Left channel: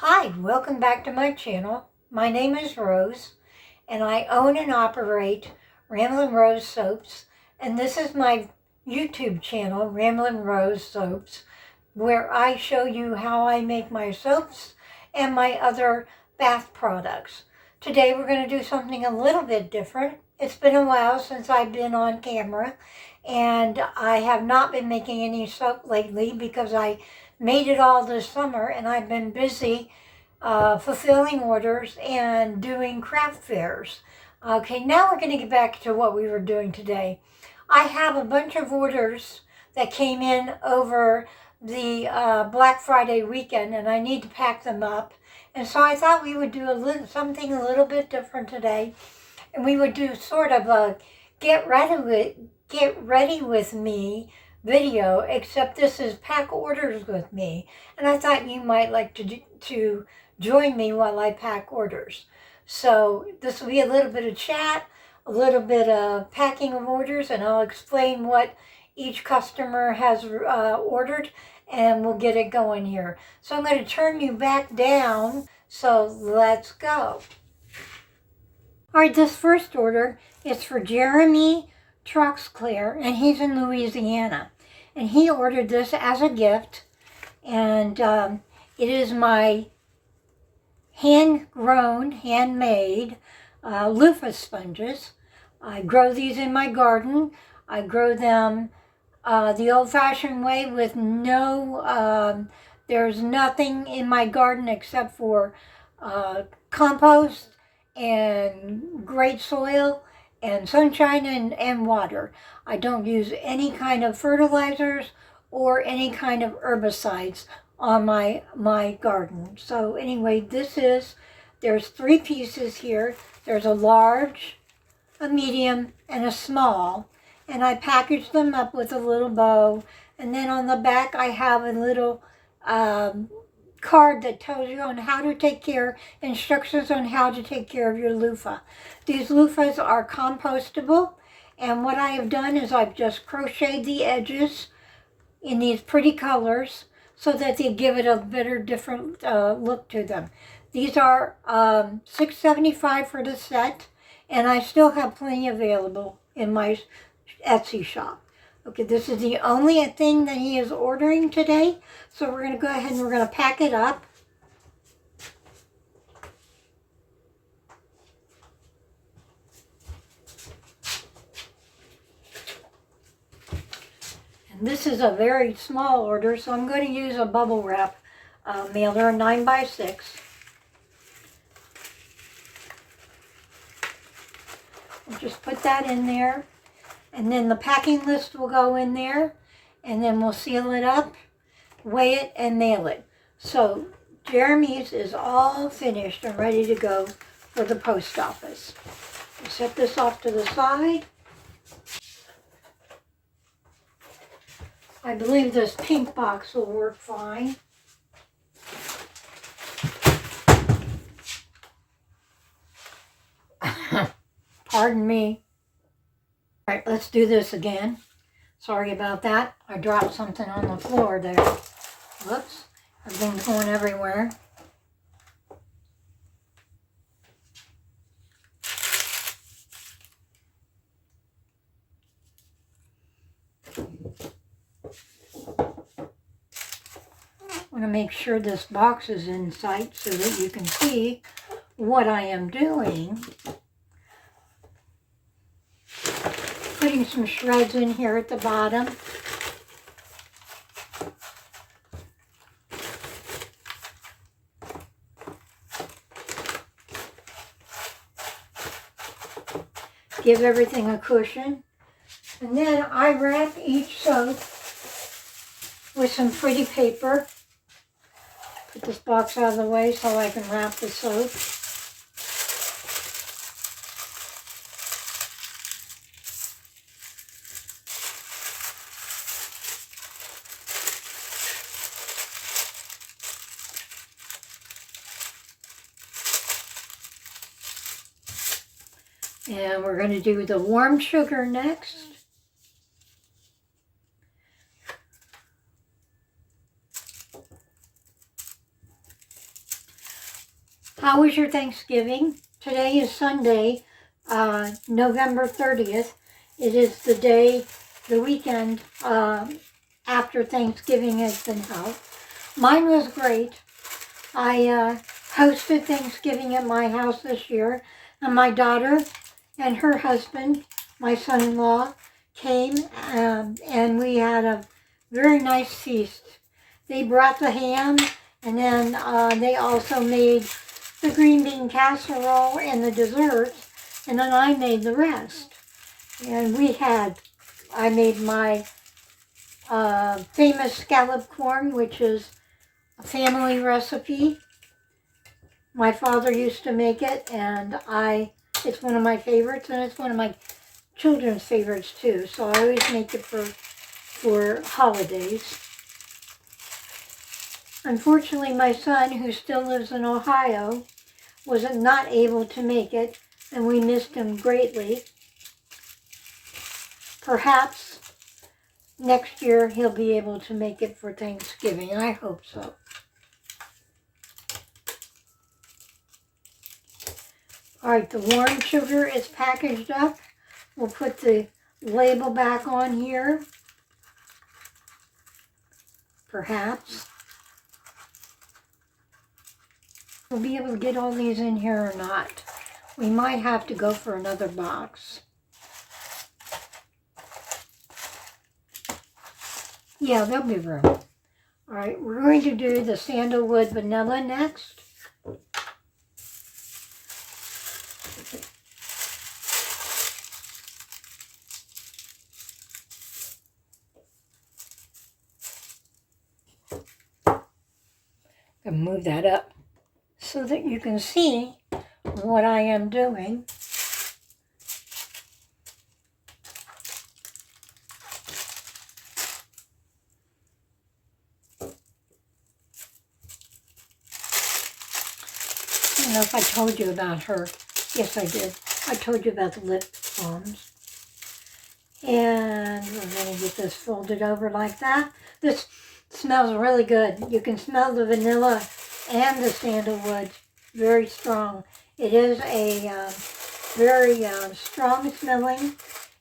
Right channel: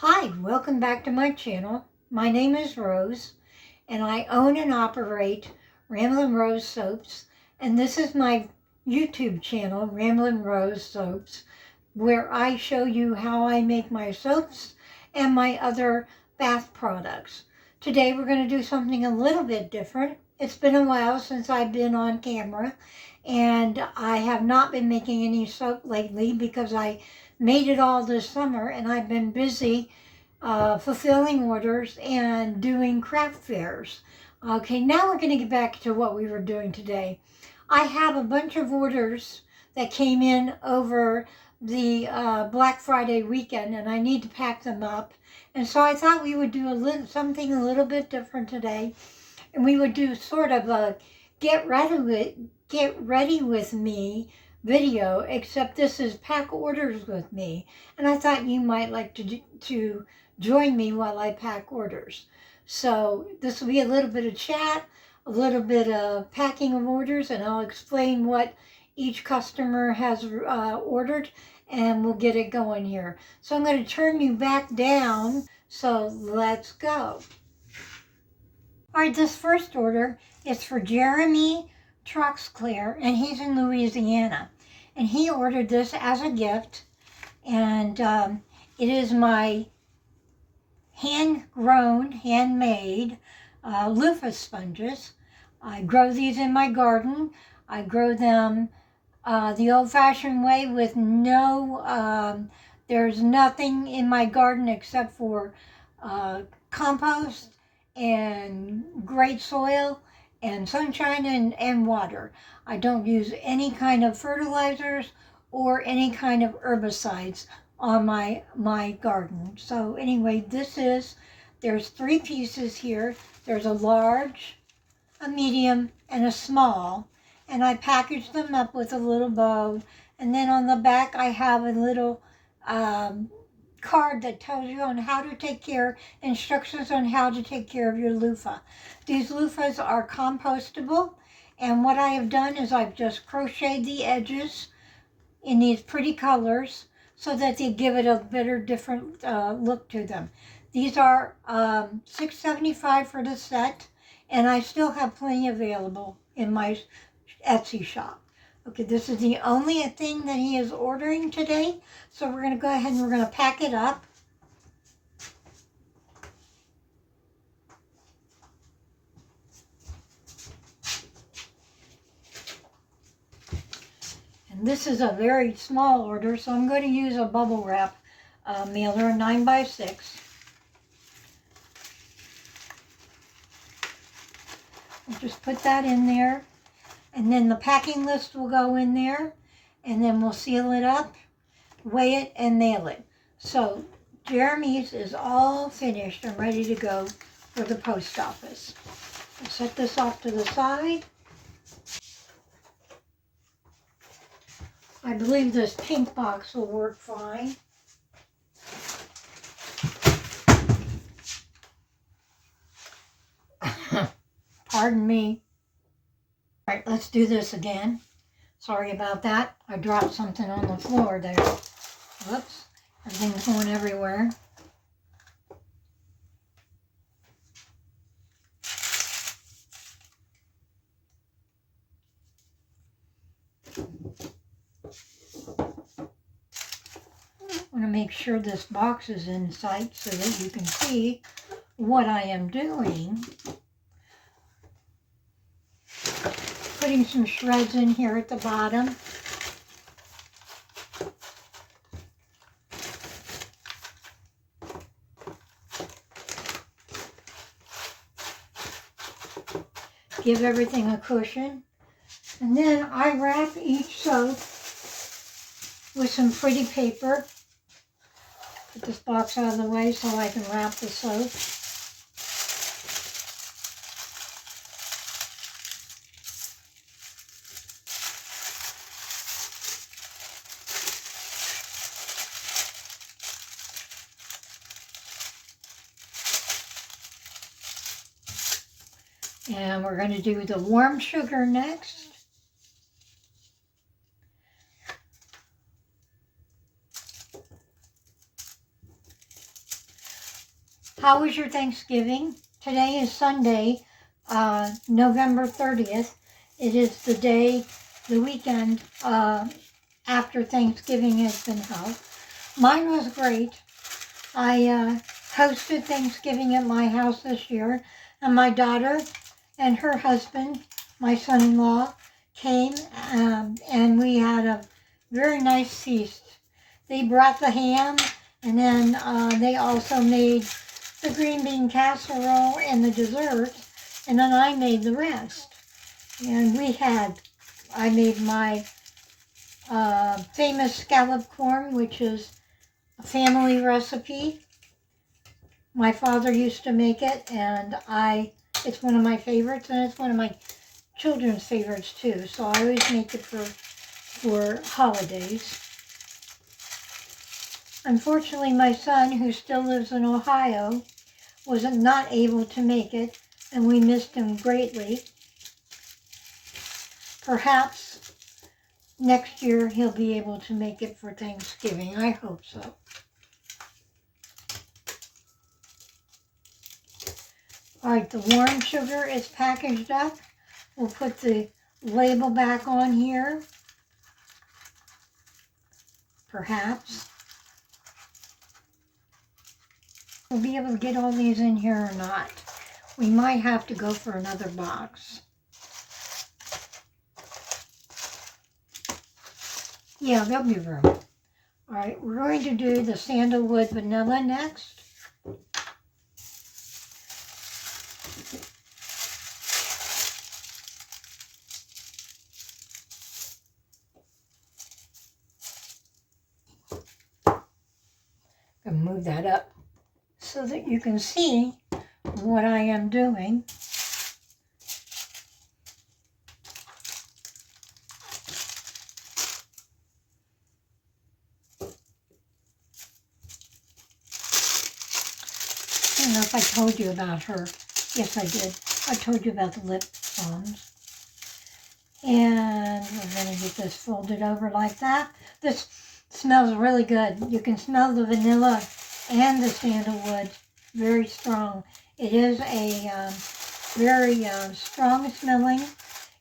Hi, welcome back to my channel. My name is Rose, and I own and operate Ramblin' Rose Soaps, and this is my YouTube channel, Ramblin' Rose Soaps, where I show you how I make my soaps and my other bath products. Today we're going to do something a little bit different. It's been a while since I've been on camera, and I have not been making any soap lately because I made it all this summer and I've been busy fulfilling orders and doing craft fairs. Okay, now we're going to get back to what we were doing today. I have a bunch of orders that came in over the Black Friday weekend, and I need to pack them up. And so I thought we would do something a little bit different today, and we would do sort of a get ready with me video, except this is pack orders with me. And I thought you might like to join me while I pack orders. So this will be a little bit of chat, a little bit of packing of orders, and I'll explain what each customer has ordered, and we'll get it going here. So I'm going to turn you back down, so let's go. All right, this first order is for Jeremy Troxclair, and he's in Louisiana. And he ordered this as a gift, and it is my hand-grown, handmade loofah sponges. I grow these in my garden. I grow them the old-fashioned way with there's nothing in my garden except for compost and great soil and sunshine and water. I don't use any kind of fertilizers or any kind of herbicides on my garden. So anyway, there's 3 pieces here. There's a large, a medium, and a small. And I packaged them up with a little bow. And then on the back I have a little card that tells you on how to take care, instructions on how to take care of your loofah. These loofahs are compostable, and what I have done is I've just crocheted the edges in these pretty colors so that they give it a better, different look to them. These are $6.75 for the set, and I still have plenty available in my Etsy shop. Okay, this is the only thing that he is ordering today. So we're going to go ahead and we're going to pack it up. And this is a very small order, so I'm going to use a bubble wrap mailer, 9x6. I'll just put that in there. And then the packing list will go in there, and then we'll seal it up, weigh it, and mail it. So Jeremy's is all finished and ready to go for the post office. I'll set this off to the side. I believe this pink box will work fine. Pardon me. All right, let's do this again. Sorry about that. I dropped something on the floor there. Whoops. Everything's going everywhere. I want to make sure this box is in sight so that you can see what I am doing. Putting some shreds in here at the bottom. Give everything a cushion. And then I wrap each soap with some pretty paper. Put this box out of the way so I can wrap the soap. And we're going to do the warm sugar next. How was your Thanksgiving? Today is Sunday, November 30th. It is the weekend after Thanksgiving has been held. Mine was great. I hosted Thanksgiving at my house this year, and my daughter and her husband, my son-in-law, came, and we had a very nice feast. They brought the ham, and then they also made the green bean casserole and the desserts, and then I made the rest. And I made my famous scallop corn, which is a family recipe. My father used to make it, and it's one of my favorites, and it's one of my children's favorites too. So I always make it for holidays. Unfortunately, my son, who still lives in Ohio, was not able to make it, and we missed him greatly. Perhaps next year he'll be able to make it for Thanksgiving. I hope so. All right, the warm sugar is packaged up. We'll put the label back on here. Perhaps. We'll be able to get all these in here or not. We might have to go for another box. Yeah, there'll be room. All right, we're going to do the sandalwood vanilla next. And move that up so that you can see what I am doing. I don't know if I told you about her. Yes, I did. I told you about the lip balms. And we're going to get this folded over like that. This smells really good. You can smell the vanilla and the sandalwood. Very strong. It is a very strong smelling.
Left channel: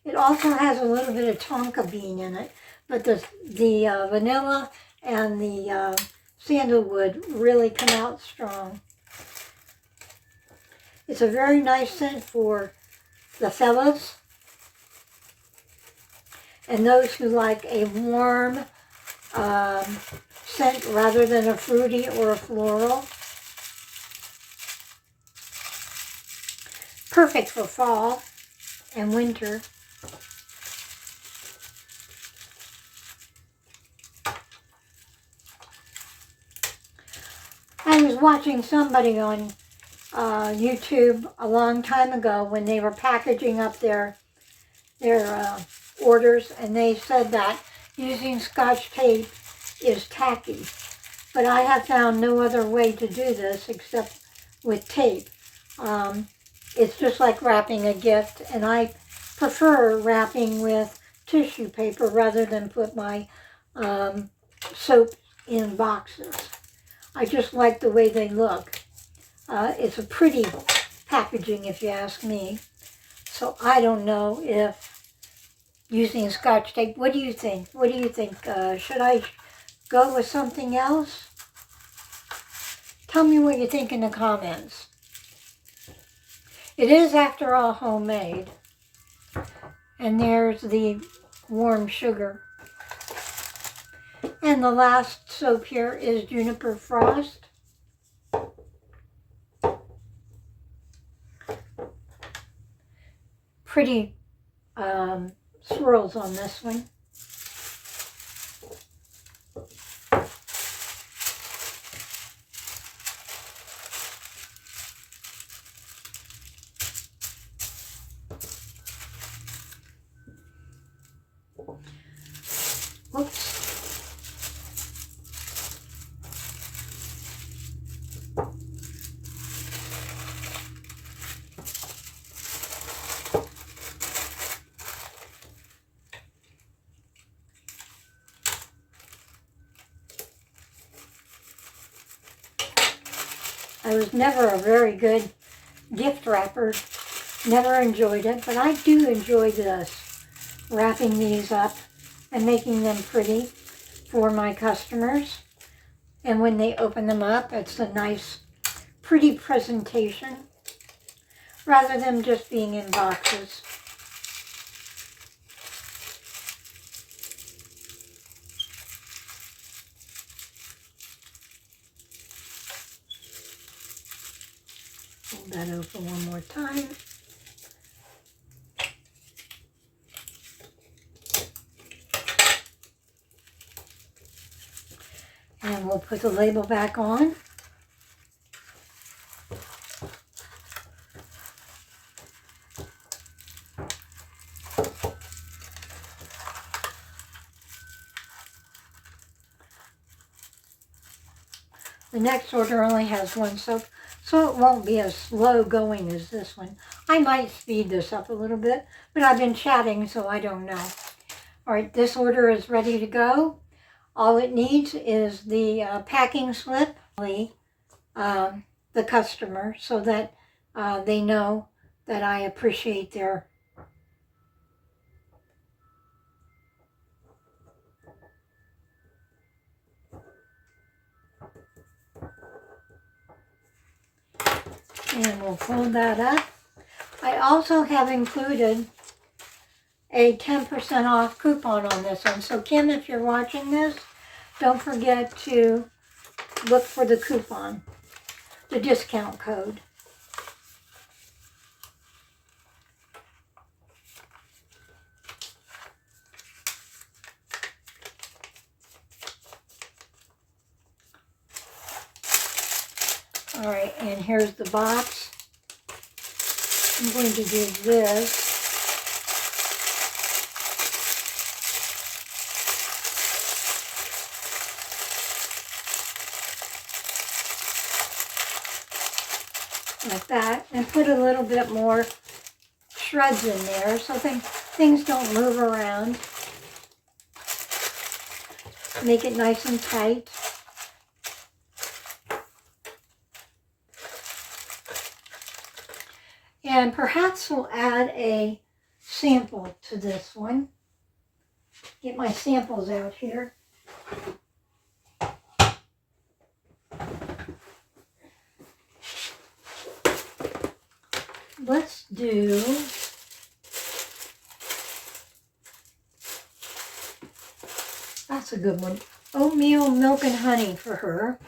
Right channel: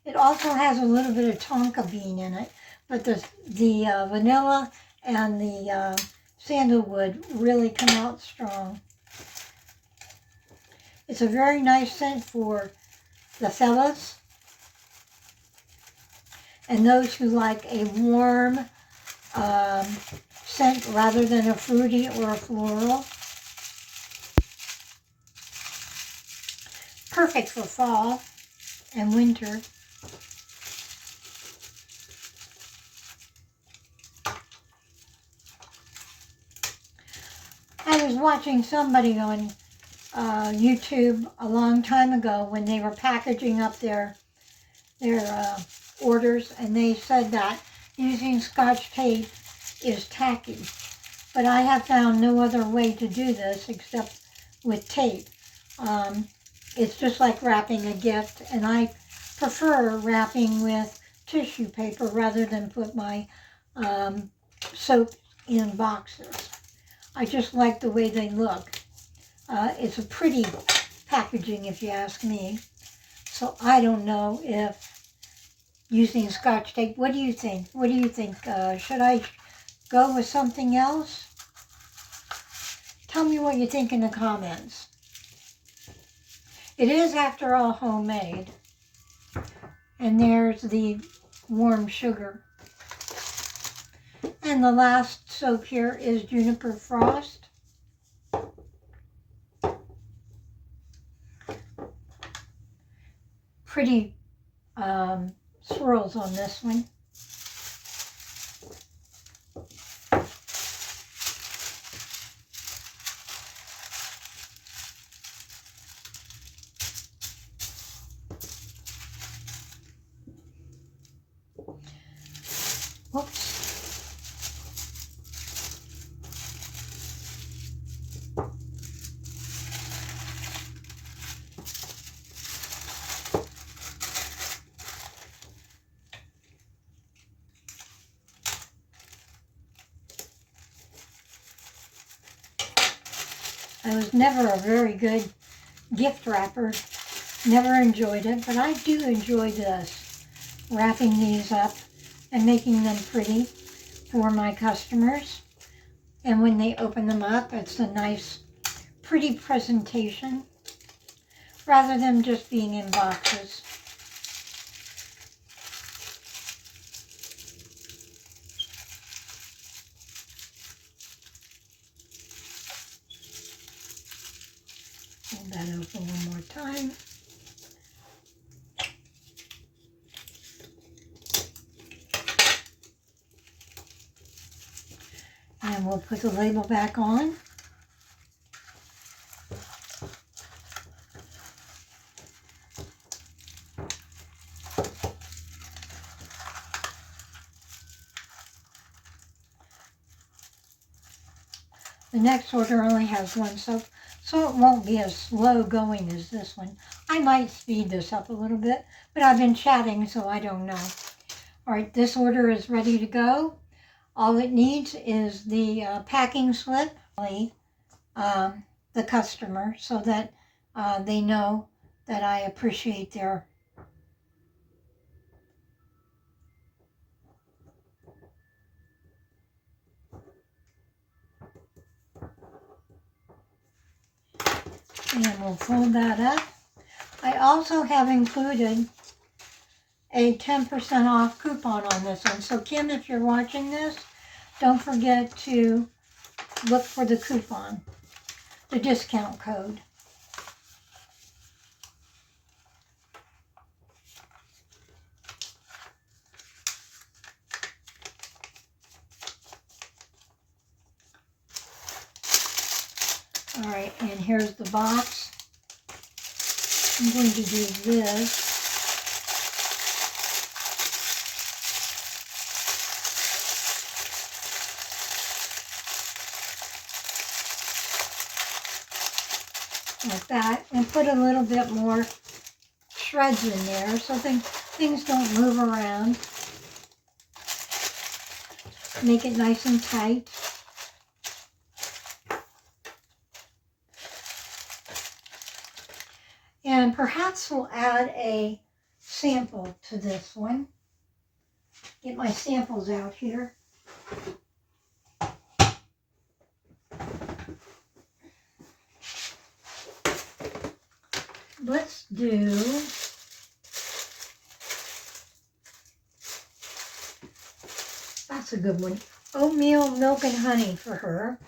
It also has a little bit of tonka bean in it. But the vanilla and the sandalwood really come out strong. It's a very nice scent for the fellas and those who like a warm scent rather than a fruity or a floral. Perfect for fall and winter. I was watching somebody on YouTube a long time ago when they were packaging up their orders, and they said that using Scotch tape is tacky. But I have found no other way to do this except with tape. It's just like wrapping a gift, and I prefer wrapping with tissue paper rather than put my soap in boxes. I just like the way they look. It's a pretty packaging, if you ask me. So I don't know if using Scotch tape. What do you think? What do you think? Should I go with something else? Tell me what you think in the comments. It is, after all, homemade. And there's the warm sugar. And the last soap here is Juniper Frost. Pretty swirls on this one. Whoops. I was never a very good gift wrapper. Never enjoyed it, but I do enjoy this. Wrapping these up and making them pretty for my customers. And when they open them up, it's a nice, pretty presentation rather than just being in boxes. Hold that open one more time. And we'll put the label back on. The next order only has one soap, so it won't be as slow going as this one. I might speed this up a little bit, but I've been chatting, so I don't know. All right, this order is ready to go. All it needs is the packing slip, the customer, so that they know that I appreciate their and we'll fold that up. I also have included a 10% off coupon on this one. So Kim, if you're watching this, don't forget to look for the coupon, the discount code. All right, and here's the box. I'm going to do this. Like that, and put a little bit more shreds in there so things don't move around. Make it nice and tight. And perhaps we'll add a sample to this one. Get my samples out here. Let's do that's a good one. Oatmeal, milk, and honey for her,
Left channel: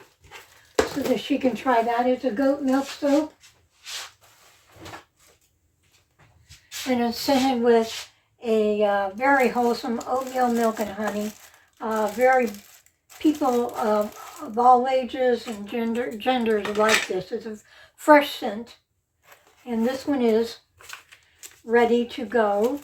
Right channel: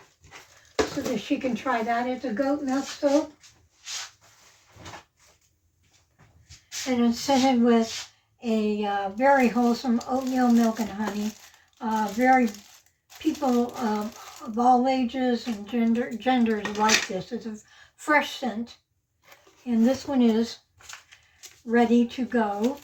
so that she can try that. It's a goat milk soap. And it's scented with a very wholesome oatmeal, milk, and honey. Very people of all ages and genders like this. It's a fresh scent. And this one is ready to go.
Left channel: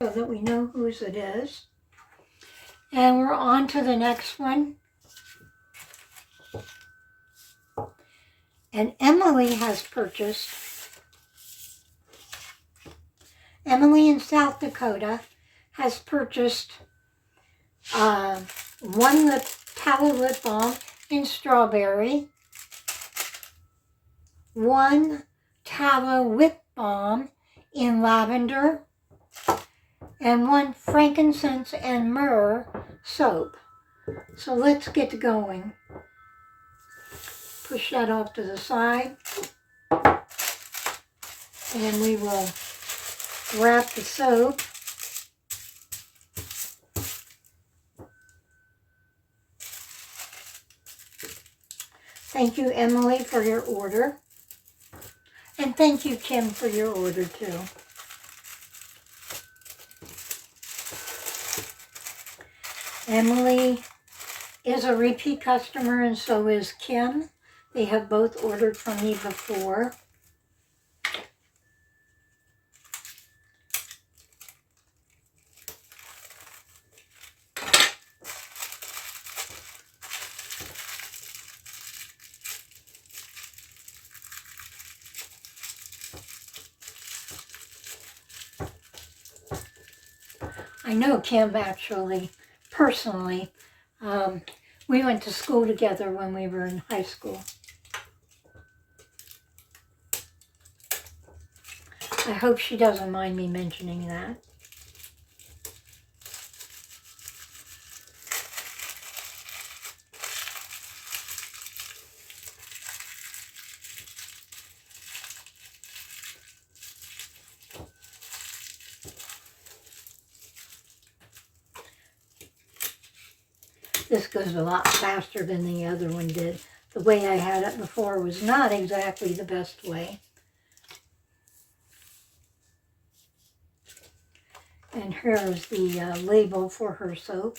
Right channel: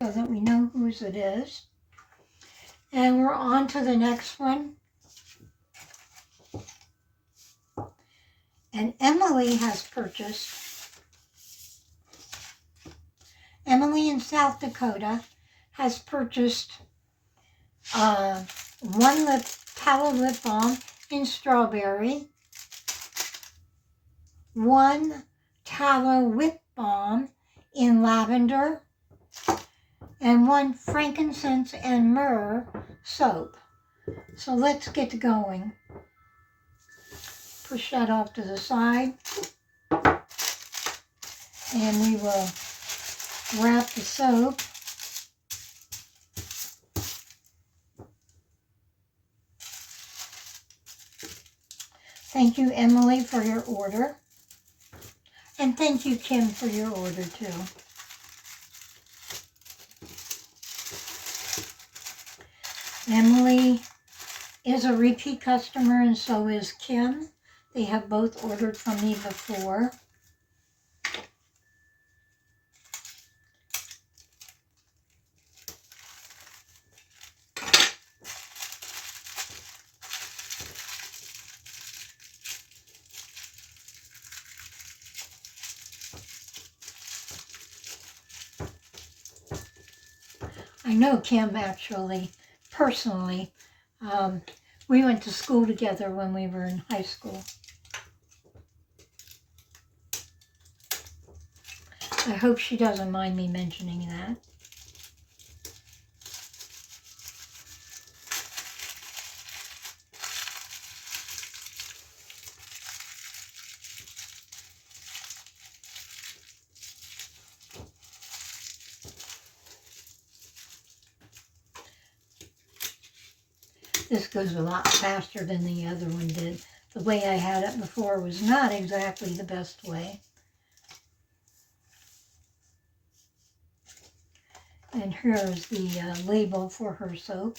So that we know whose it is. And we're on to the next one. And Emily in South Dakota has purchased one tallow lip balm in strawberry, one tallow whip balm in lavender, and one frankincense and myrrh soap. So let's get going. Push that off to the side, and we will wrap the soap. Thank you, Emily, for your order. And thank you, Kim, for your order, too. Emily is a repeat customer, and so is Kim. They have both ordered from me before. I know Kim actually, personally. We went to school together when we were in high school. I hope she doesn't mind me mentioning that. This goes a lot faster than the other one did. The way I had it before was not exactly the best way. And here's the label for her soap.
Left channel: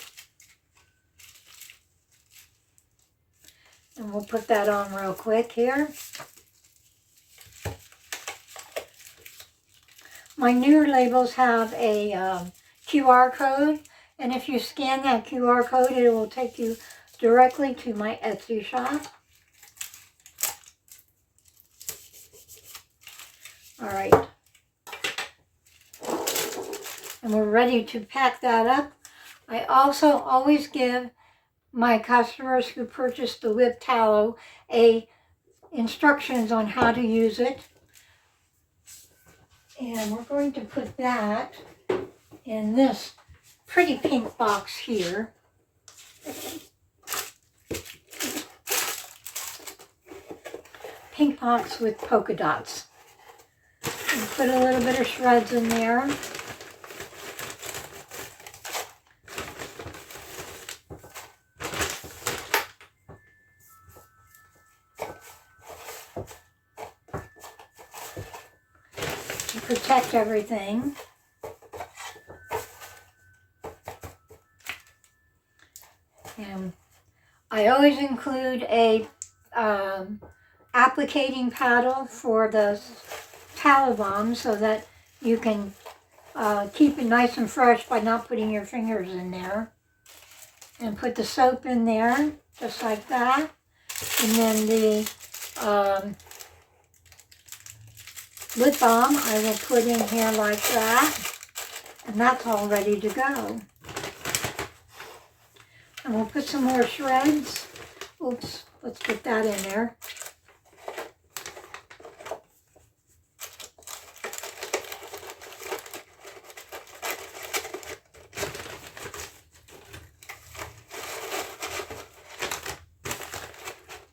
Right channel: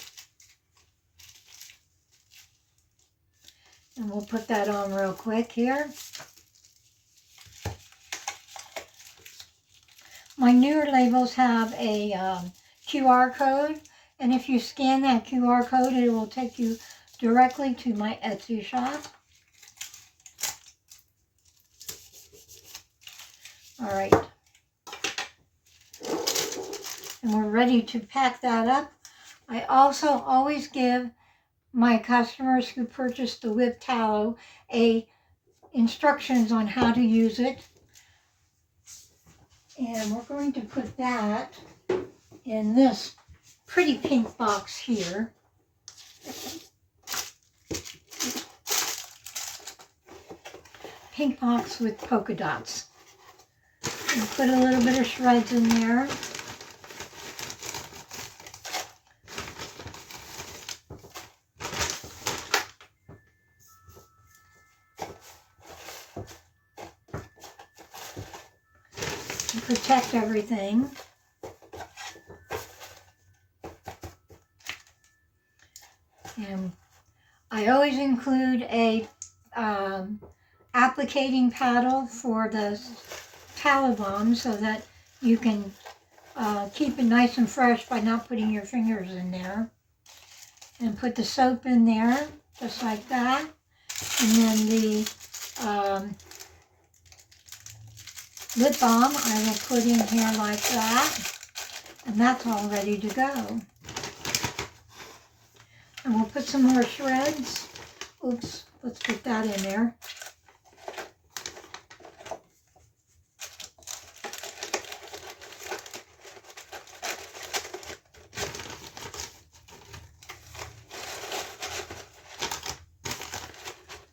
And we'll put that on real quick here. My newer labels have a QR code. And if you scan that QR code, it will take you directly to my Etsy shop. All right. And we're ready to pack that up. I also always give my customers who purchase the whipped tallow instructions on how to use it. And we're going to put that in this pretty pink box here. Pink box with polka dots. And put a little bit of shreds in there. To protect everything. And I always include a applicating paddle for the tallow balm so that you can keep it nice and fresh by not putting your fingers in there. And put the soap in there, just like that. And then the lip balm I will put in here like that. And that's all ready to go. And we'll put some more shreds. Oops, let's put that in there.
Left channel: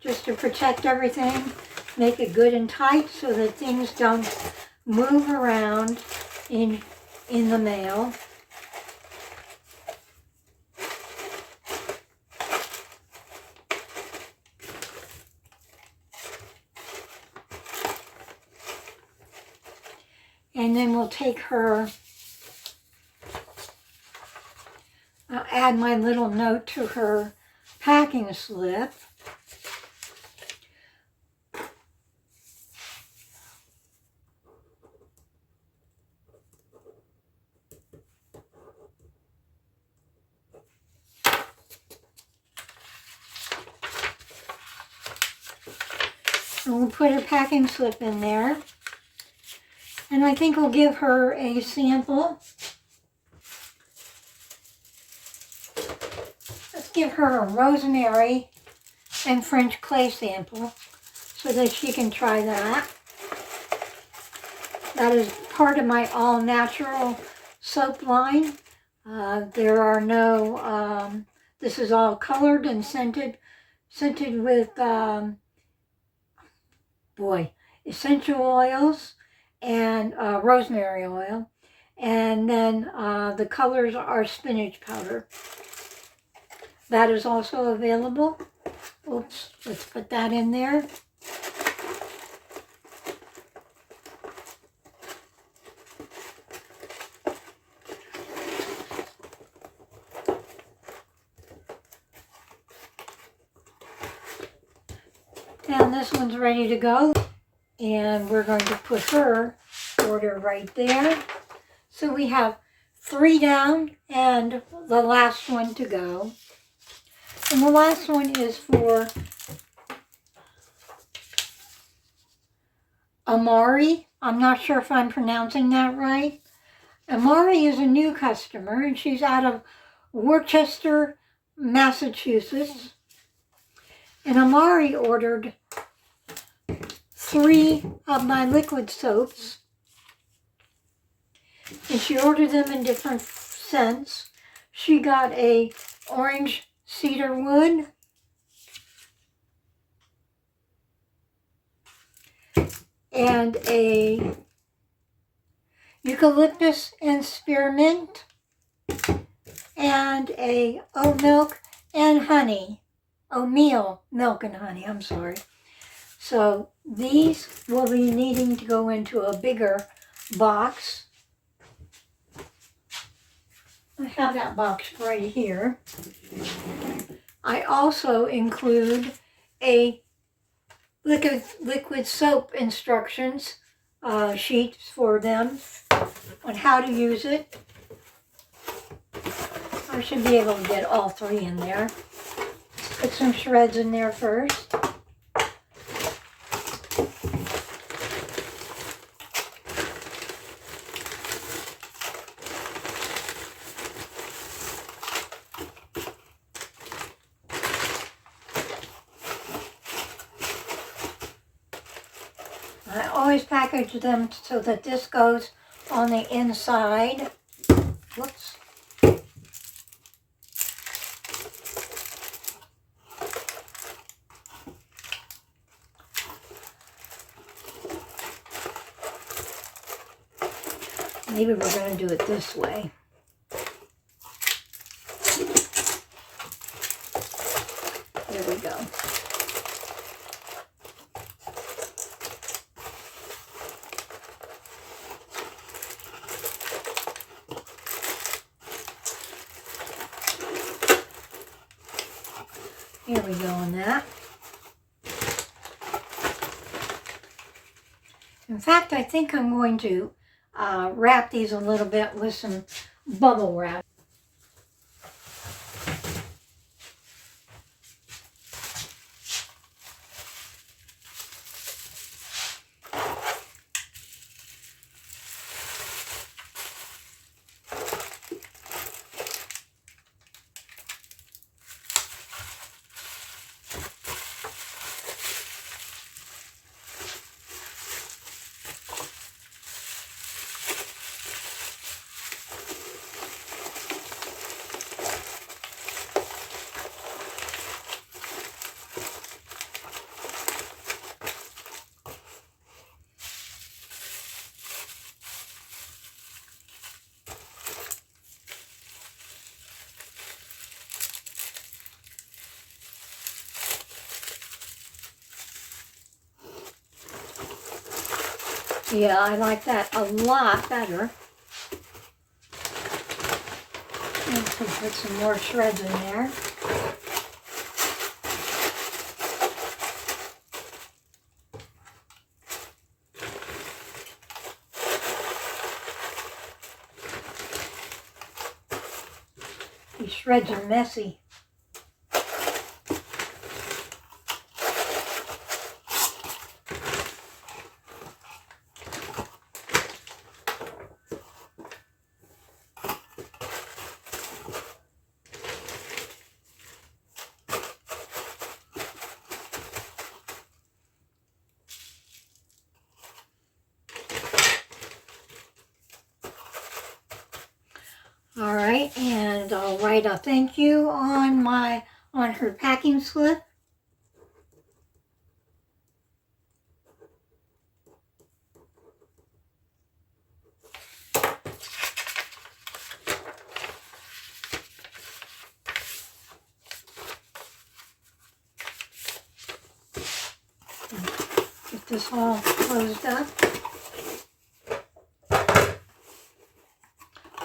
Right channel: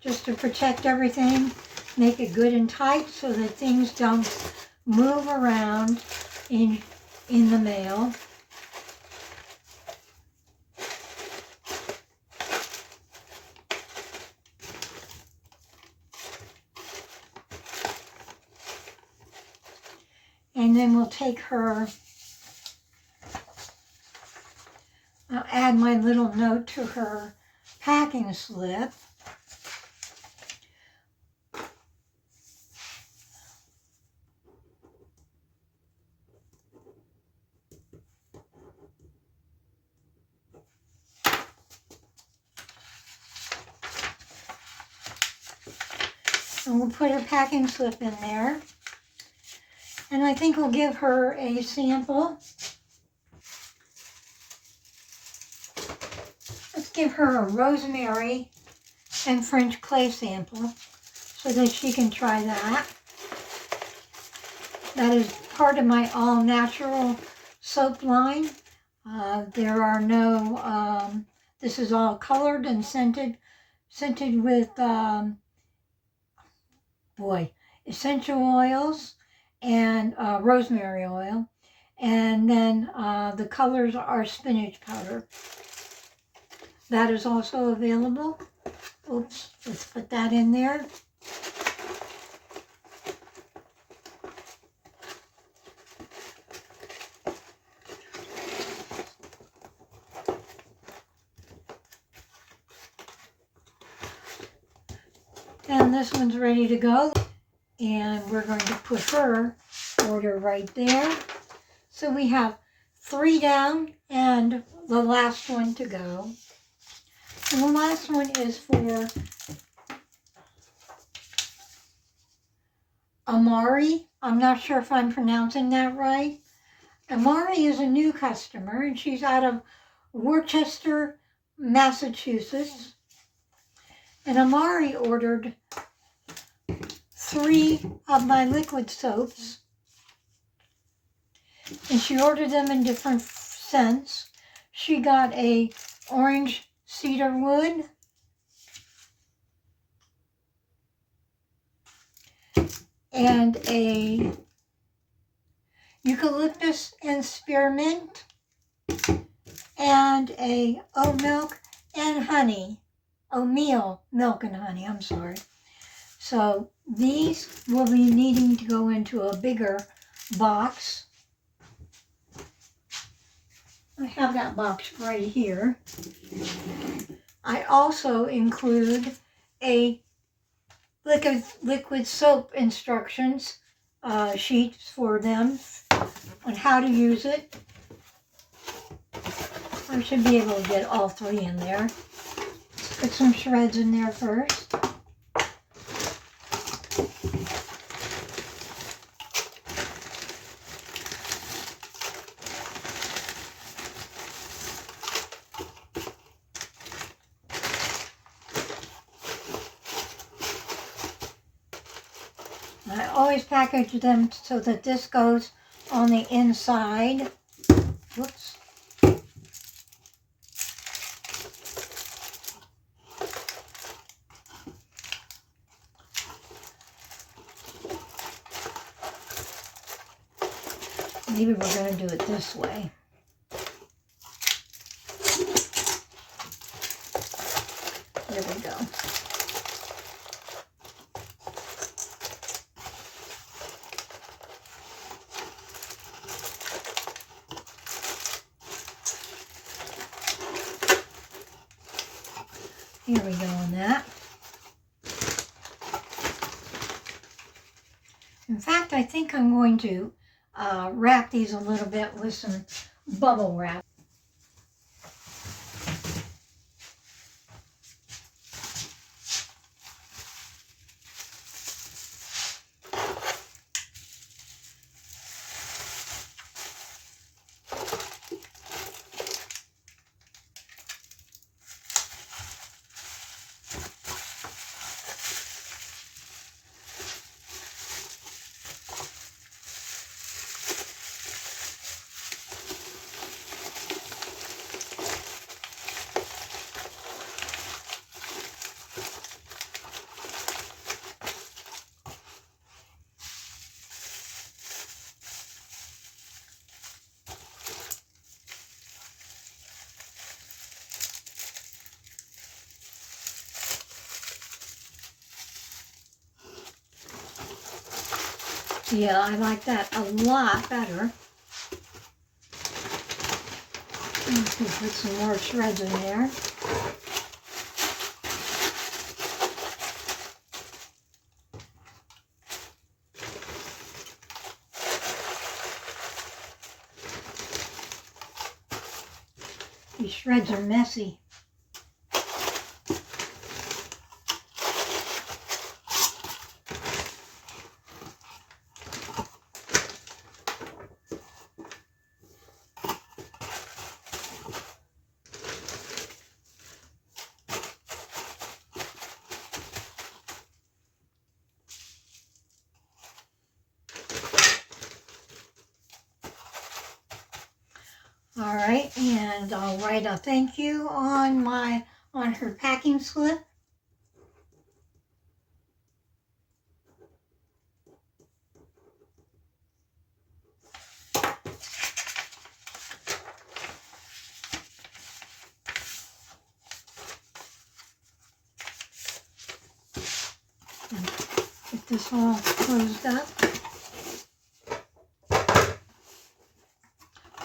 Just to protect everything, make it good and tight so that things don't move around in the mail. And then we'll take her, I'll add my little note to her packing slip. And we'll put her packing slip in there. And I think we'll give her a sample. Let's give her a rosemary and French clay sample so that she can try that. That is part of my all-natural soap line. There are no, this is all colored and scented with, essential oils and rosemary oil. And then the colors are spinach powder. That is also available. Oops, let's put that in there. And this one's ready to go. And we're going to put her order right there. So we have 3 down and the last one to go. And the last one is for Amari. I'm not sure if I'm pronouncing that right. Amari is a new customer, and she's out of Worcester, Massachusetts. And Amari ordered 3 of my liquid soaps. And she ordered them in different scents. She got a orange cedar wood, and a eucalyptus and spearmint, and a oat milk and honey. Oatmeal milk and honey, I'm sorry. So these will be needing to go into a bigger box. I have that box right here. I also include a liquid soap instructions sheets for them on how to use it. I should be able to get all 3 in there. Put some shreds in there first. I always package them so that this goes on the inside. Whoops. Maybe we're going to do it this way. There we go. Here we go on that. In fact, I think I'm going to wrap these a little bit with some bubble wrap. Yeah, I like that a lot better. I'm going to put some more shreds in there. These shreds are messy. All right, and I'll write a thank you on her packing slip. Get this all closed up.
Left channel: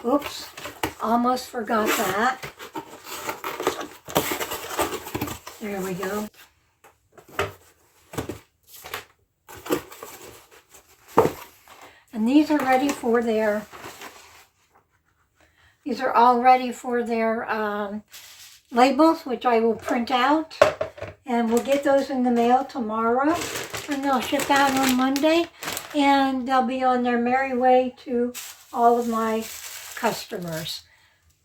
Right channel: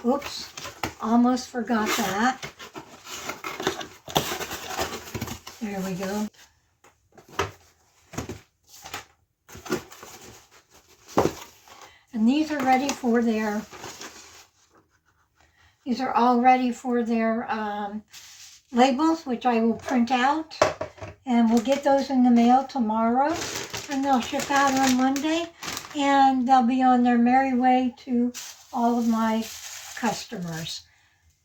Oops. Almost forgot that. There we go. And these are ready for their, these are all ready for their labels, which I will print out. And we'll get those in the mail tomorrow. And they'll ship out on Monday. And they'll be on their merry way to all of my customers.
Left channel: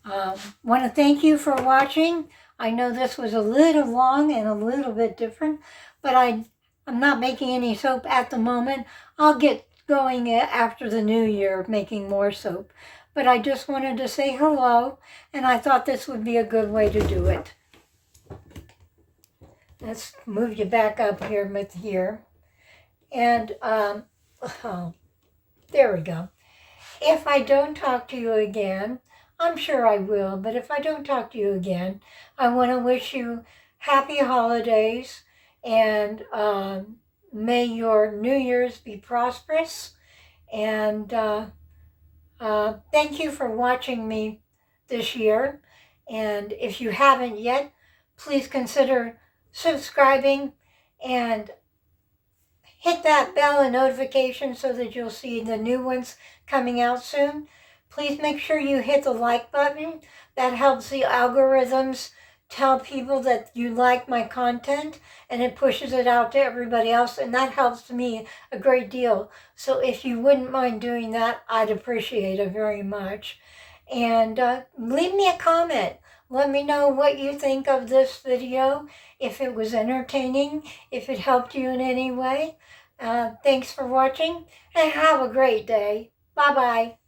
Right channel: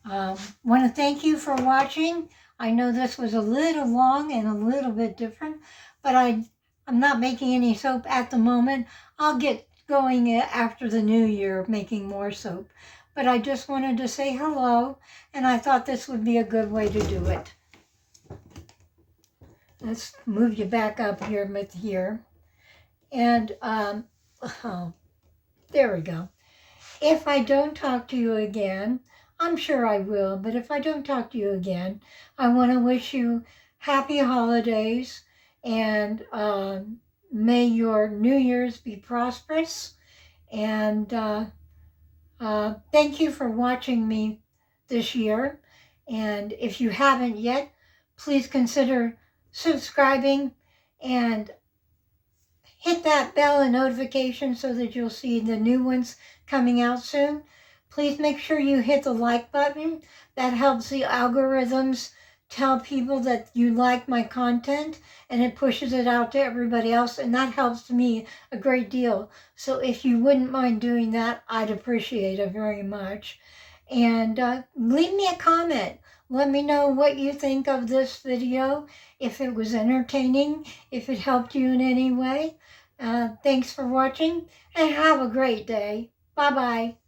Want to thank you for watching. I know this was a little long and a little bit different, but I'm not making any soap at the moment. I'll get going after the new year making more soap. But I just wanted to say hello, and I thought this would be a good way to do it. Let's move you back up here with here. And, oh, there we go. If I don't talk to you again, I'm sure I will, but if I don't talk to you again, I want to wish you happy holidays, and may your New Year's be prosperous. And thank you for watching me this year. And if you haven't yet, please consider subscribing and hit that bell and notification so that you'll see the new ones coming out soon. Please make sure you hit the like button. That helps the algorithms tell people that you like my content, and it pushes it out to everybody else, and that helps me a great deal. So if you wouldn't mind doing that, I'd appreciate it very much. And leave me a comment. Let me know what you think of this video, if it was entertaining, if it helped you in any way. Thanks for watching, and have a great day. Bye-bye.